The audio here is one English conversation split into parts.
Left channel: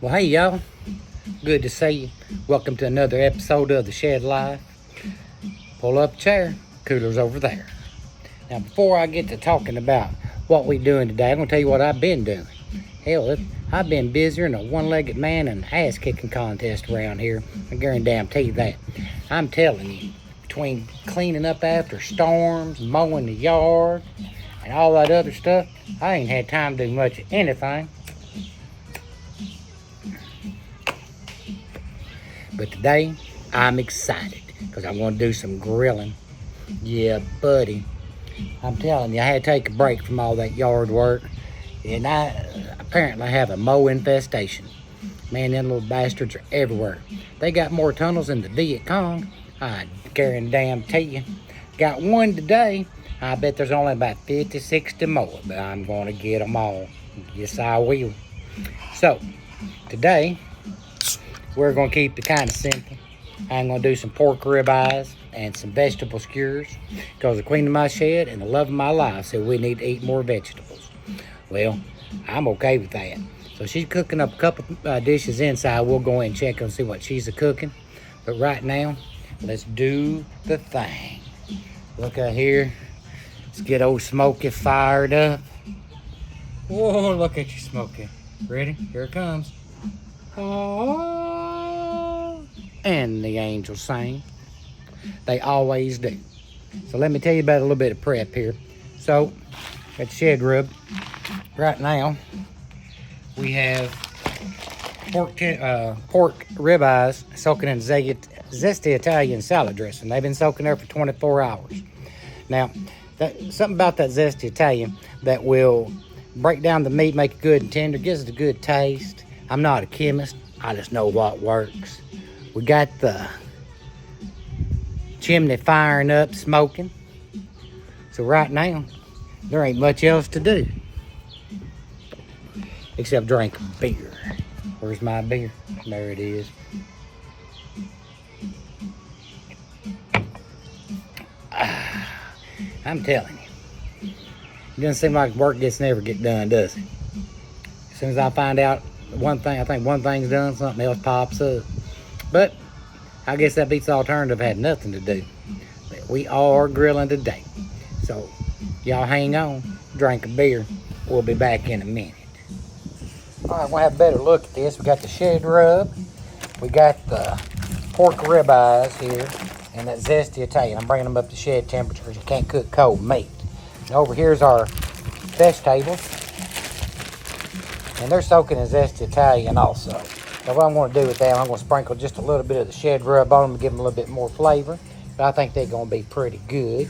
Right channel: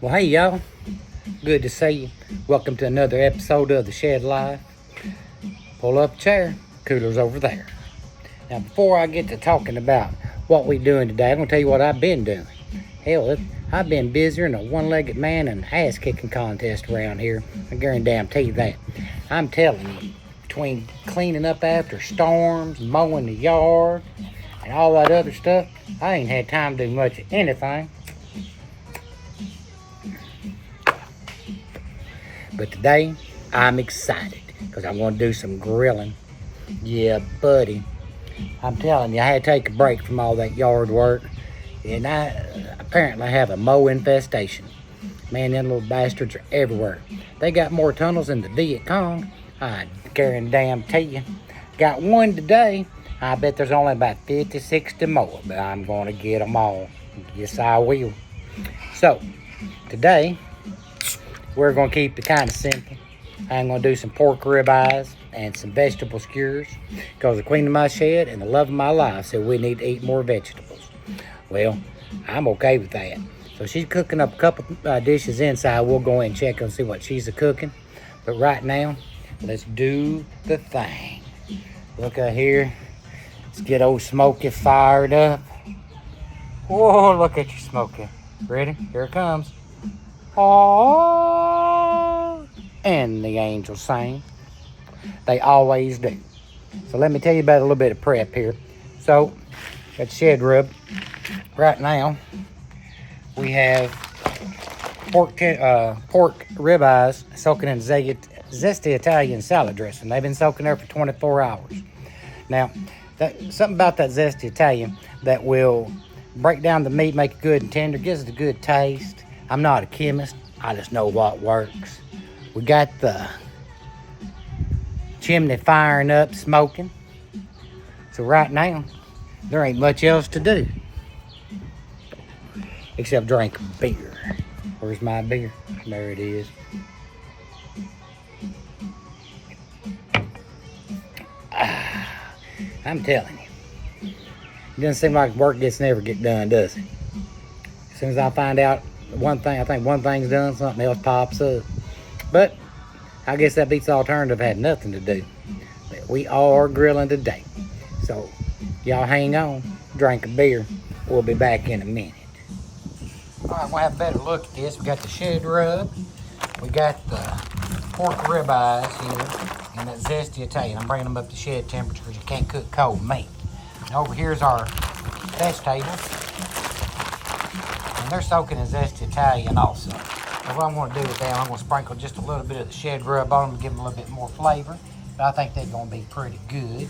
Well, hey, y'all. Good to see you. Welcome to another episode of The Shed Life. Pull up a chair. Cooler's over there. Now, before I get to talking about what we doing today, I'm going to tell you what I've been doing. Hell, I've been busier than a one-legged man in an ass-kicking contest around here. I guarantee you that. I'm telling you, between cleaning up after storms, mowing the yard, and all that other stuff, I ain't had time to do much of anything. But today, I'm excited because I want to do some grilling. Yeah, buddy. I'm telling you, I had to take a break from all that yard work. And I apparently have a mow infestation. Man, them little bastards are everywhere. They got more tunnels than the Viet Cong. I guarantee you. Got one today. I bet there's only about 50, 60 more. But I'm going to get them all. Yes, I will. So, today, we're going to keep it kind of simple. I'm going to do some pork ribeyes and some vegetable skewers because the queen of my shed and the love of my life said we need to eat more vegetables. Well, I'm okay with that. So she's cooking up a couple dishes inside. We'll go in and check and see what she's cooking. But right now, let's do the thing. Look out here. Let's get old Smokey fired up. Whoa, look at you, Smokey. Ready? Here it comes. Oh, and the angels sing. They always do. So let me tell you about a little bit of prep here. So, got the shed rub. Right now, we have pork ribeyes soaking in zesty Italian salad dressing. They've been soaking there for 24 hours. Now, something about that zesty Italian that will break down the meat, make it good and tender, gives it a good taste. I'm not a chemist. I just know what works. We got the chimney firing up, smoking. So right now, there ain't much else to do except drink beer. Where's my beer? There it is. I'm telling you, it doesn't seem like work never get done, does it? As soon as I find out one thing, I think one thing's done, something else pops up. But I guess that beats the alternative had nothing to do. But we are grilling today. So y'all hang on, drink a beer. We'll be back in a minute. All right, we'll have a better look at this. We got the shed rub. We got the pork ribeyes here and that zesty Italian. I'm bringing them up to shed temperature because you can't cook cold meat. And over here's our vegetables. And they're soaking in zesty Italian also. Now what I'm going to do with that, I'm going to sprinkle just a little bit of the shed rub on them to give them a little bit more flavor. But I think they're going to be pretty good.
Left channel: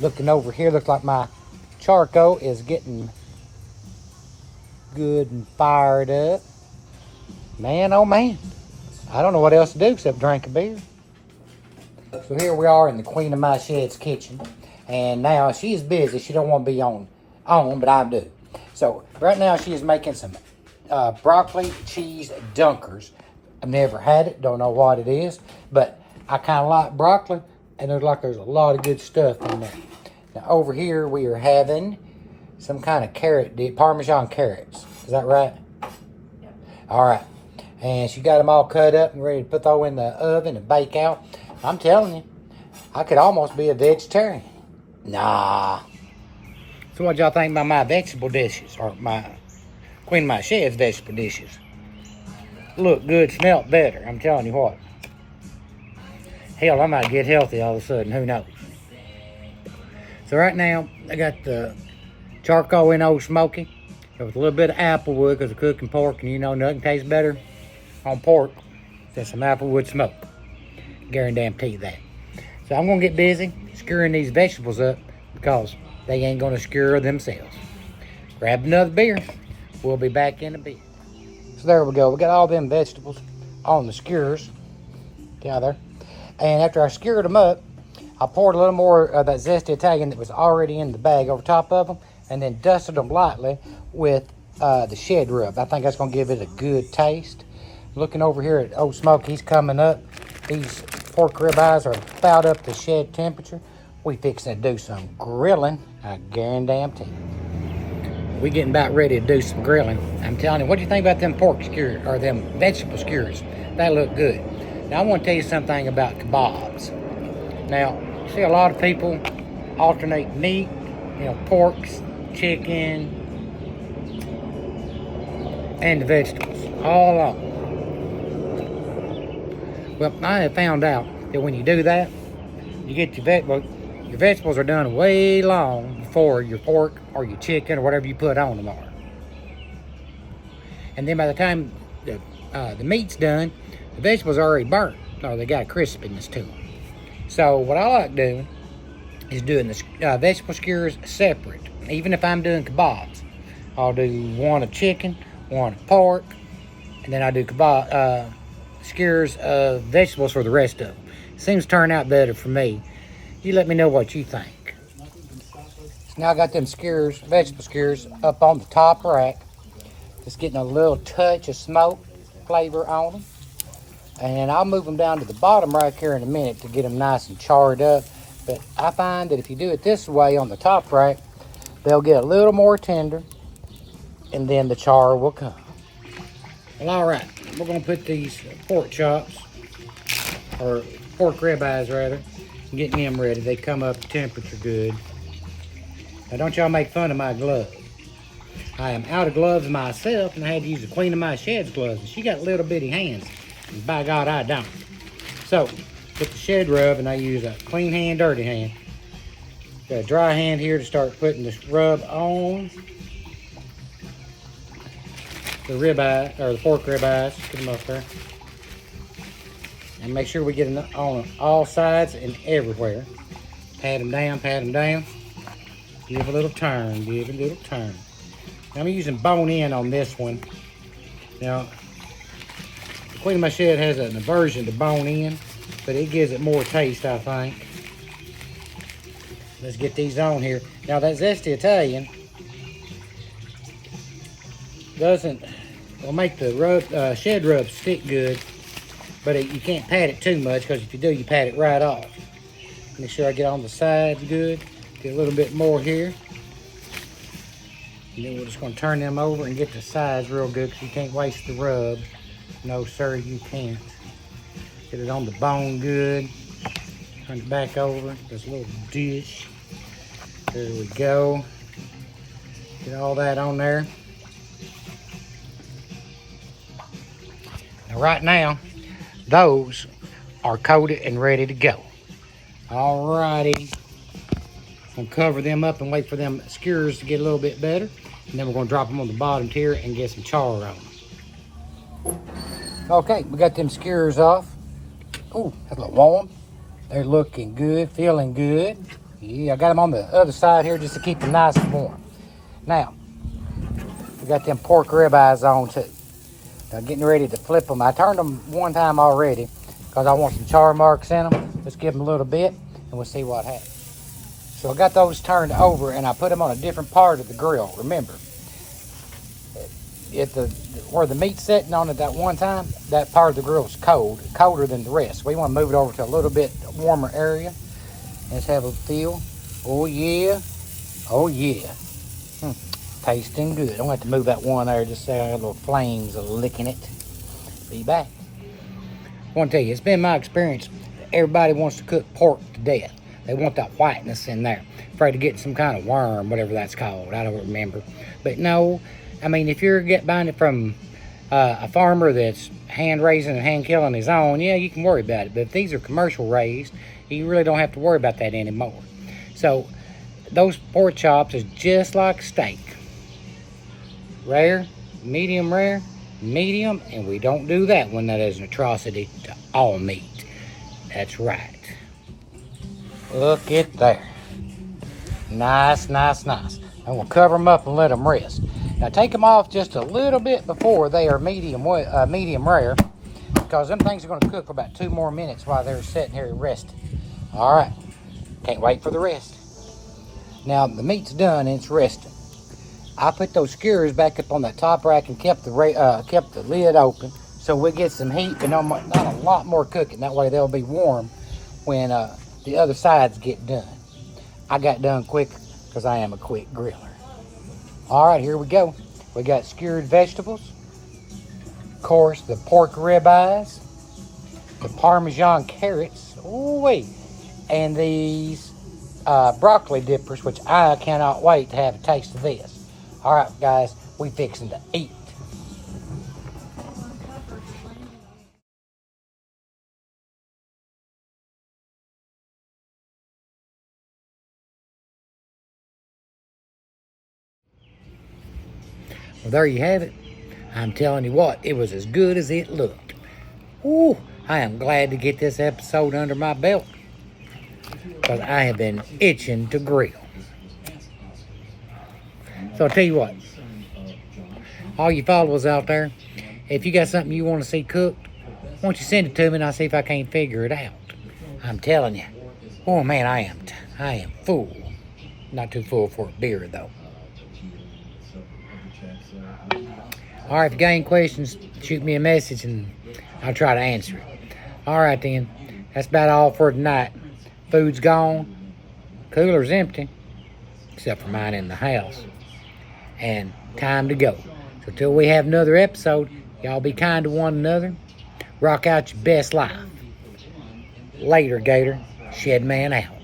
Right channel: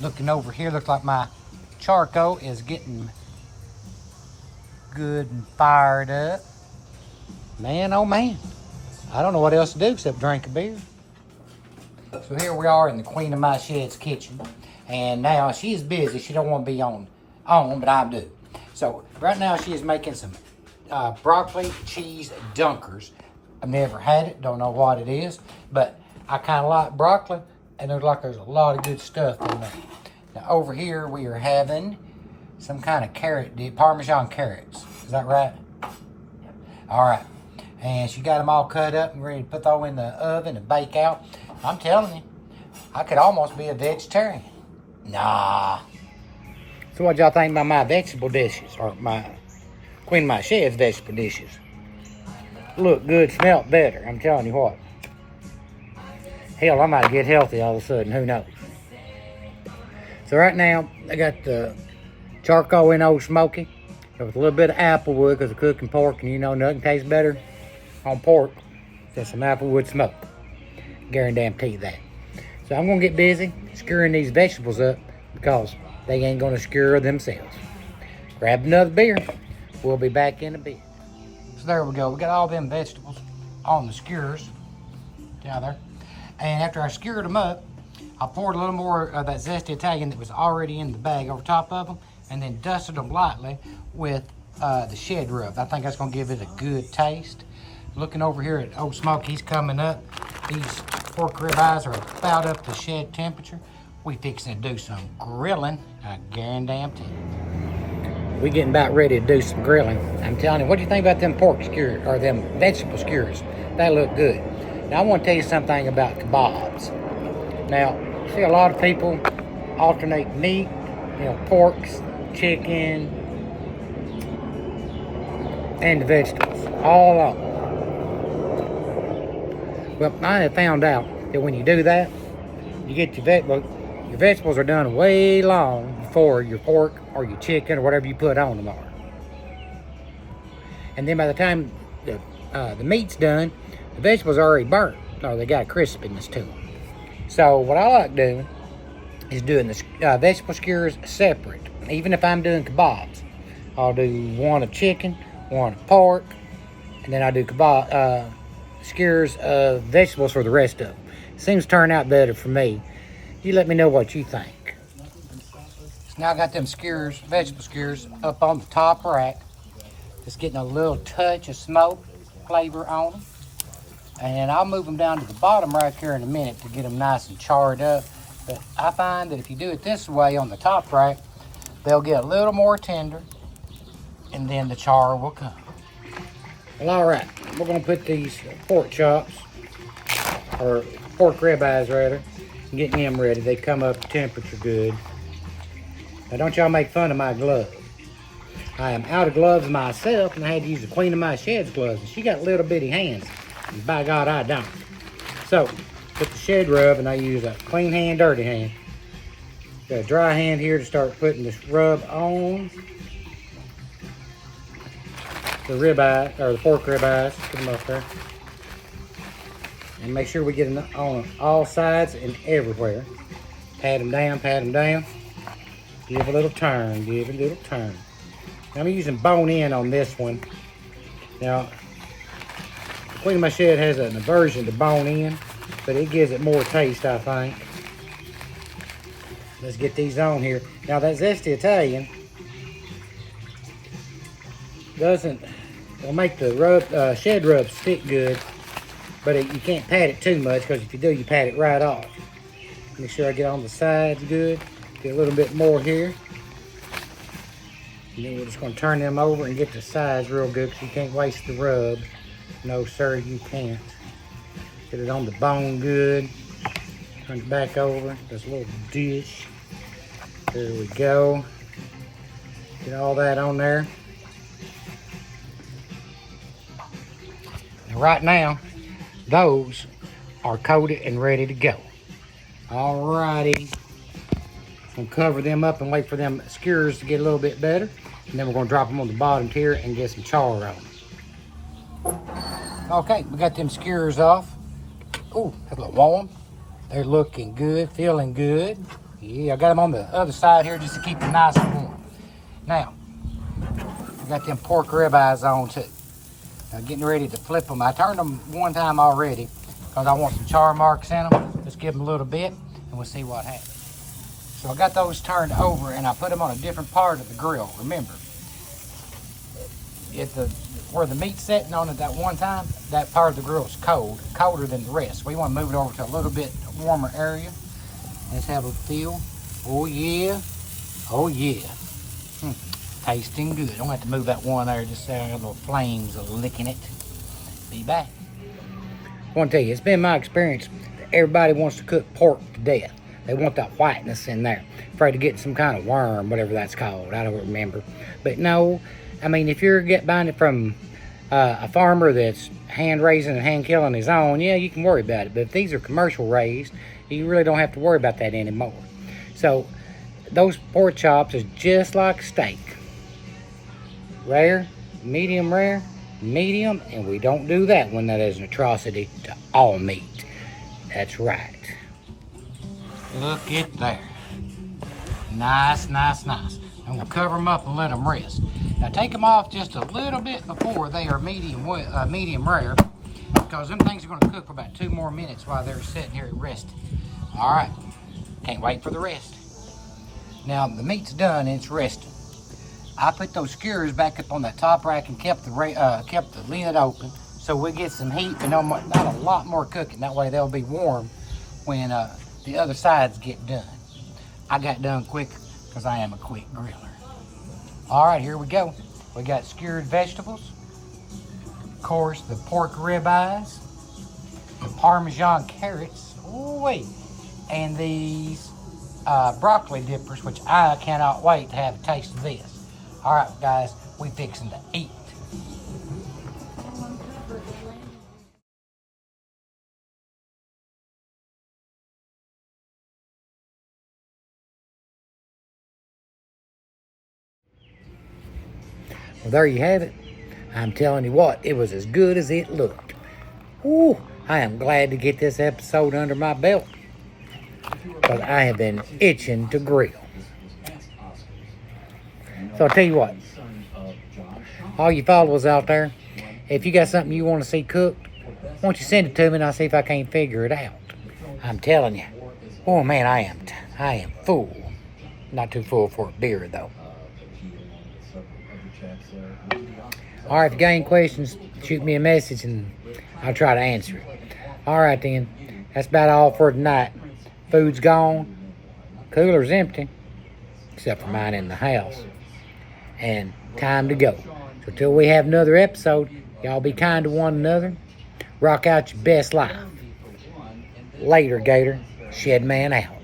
Looking over here, looks like my charcoal is getting good and fired up. Man, oh man. I don't know what else to do except drink a beer. So here we are in the queen of my shed's kitchen. And now she is busy. She don't want to be on, but I do. So right now she is making some broccoli cheese dunkers. I never had it, don't know what it is, but I kind of like broccoli, and there's a lot of good stuff in there. Now over here we are having some kind of carrot dip, Parmesan carrots. Is that right? Yep. All right. And she got them all cut up and ready to put those in the oven and bake out. I'm telling you, I could almost be a vegetarian. Nah. So what y'all think about my vegetable dishes, or my queen of my shed's vegetable dishes? Look good, smell better. I'm telling you what. Hell, I might get healthy all of a sudden. Who knows? So right now, I got the charcoal in Old Smoky with a little bit of applewood because of cooking pork, and you know nothing tastes better on pork than some applewood smoke. Guarantee you that. So I'm gonna get busy skewering these vegetables up because they ain't gonna skewer themselves. Grab another beer. We'll be back in a bit. So there we go. We got all them vegetables on the skewers down there. And after I skewered them up, I poured a little more of that zesty Italian that was already in the bag over top of them, and then dusted them lightly with the shed rub. I think that's gonna give it a good taste. Looking over here at Old Smoke, he's coming up. These pork ribeyes are about up to shed temperature. We fixing to do some grilling, I guarantee you. We getting about ready to do some grilling. I I'm telling you, what do you think about them pork skewers, or them vegetable skewers? They look good. Now, I want to tell you something about kebabs. Now, you see a lot of people alternate meat, porks, chicken, and the vegetables, all of them. Well, I have found out that when you do that, you get your vegetables are done way long before your pork or your chicken or whatever you put on them are. And then by the time the meat's done, the vegetables are already burnt, or they got crispiness to them. So what I like doing is doing the vegetable skewers separate. Even if I'm doing kebabs, I'll do one of chicken, one of pork, and then I do skewers of vegetables for the rest of them. Seems to turn out better for me. You let me know what you think. So now I got them skewers, vegetable skewers, up on the top rack. Just getting a little touch of smoke flavor on them. And then I'll move them down to the bottom rack here in a minute to get them nice and charred up. But I find that if you do it this way on the top rack, they'll get a little more tender, and then the char will come. Well, all right, we're gonna put these pork chops, or pork ribeyes rather, getting them ready. They come up temperature good. Now don't y'all make fun of my gloves. I am out of gloves myself, and I had to use the Queen of My Shed's gloves, and she got little bitty hands, and by God I don't. So, put the shed rub, and I use a clean hand, dirty hand. Got a dry hand here to start putting this rub on the ribeye, or the pork ribeyes. Put them up there. And make sure we get them on all sides and everywhere. Pat them down, pat them down. Give a little turn, give a little turn. Now I'm using bone-in on this one. Now, the Queen of My Shed has an aversion to bone-in, but it gives it more taste, I think. Let's get these on here. Now that zesty Italian will make the shed rub stick good, but you can't pat it too much, because if you do, you pat it right off. Make sure I get on the sides good. Get a little bit more here. And then we're just going to turn them over and get the sides real good, because you can't waste the rub. No, sir, you can't. Get it on the bone good. Turn it back over. This little dish. There we go. Get all that on there. Now, right now, those are coated and ready to go. Alrighty. Gonna cover them up and wait for them skewers to get a little bit better. And then we're gonna drop them on the bottom tier and get some char on them. Okay, we got them skewers off. Oh, that's a little warm. They're looking good, feeling good. Yeah, I got them on the other side here just to keep them nice and warm. Now, we got them pork ribeyes on too. Now, getting ready to flip them. I turned them one time already because I want some char marks in them. Just give them a little bit and we'll see what happens. So I got those turned over and I put them on a different part of the grill. Remember, where the meat's sitting on it that one time, that part of the grill is cold, colder than the rest. We want to move it over to a little bit warmer area. Let's have a feel. Oh yeah, oh yeah. Tasting good. I'm going to have to move that one there just so our little flames are licking it. Be back. I want to tell you, it's been my experience that everybody wants to cook pork to death. They want that whiteness in there. Afraid to get some kind of worm, whatever that's called. I don't remember. But no, I mean, if you're buying it from a farmer that's hand raising and hand killing his own, yeah, you can worry about it. But if these are commercial raised, you really don't have to worry about that anymore. So those pork chops is just like steak. Rare, medium, and we don't do that when that is an atrocity to all meat. That's right. Look at there. Nice, nice, nice. I'm going to cover them up and let them rest. Now take them off just a little bit before they are medium rare, because them things are going to cook for about 2 more minutes while they're sitting here resting. All right. Can't wait for the rest. Now the meat's done and it's resting. I put those skewers back up on that top rack and kept the lid open so we'll get some heat and a lot more cooking. That way they'll be warm when the other sides get done. I got done quick because I am a quick griller. All right, here we go. We got skewered vegetables. Of course, the pork ribeyes. The Parmesan carrots. Ooh wee. And these broccoli dippers, which I cannot wait to have a taste of this. All right, guys, we fixing to eat. Well, there you have it. I'm telling you what, it was as good as it looked. Ooh, I am glad to get this episode under my belt, because I have been itching to grill. So I'll tell you what, all you followers out there, if you got something you want to see cooked, why don't you send it to me and I'll see if I can't figure it out. I'm telling you, oh man, I am full. Not too full for a beer though. All right, if you got any questions, shoot me a message and I'll try to answer it. All right then, that's about all for tonight. Food's gone, cooler's empty, except for mine in the house. And time to go. So till we have another episode, y'all be kind to one another. Rock out your best life. Later, Gator. Shed Man out.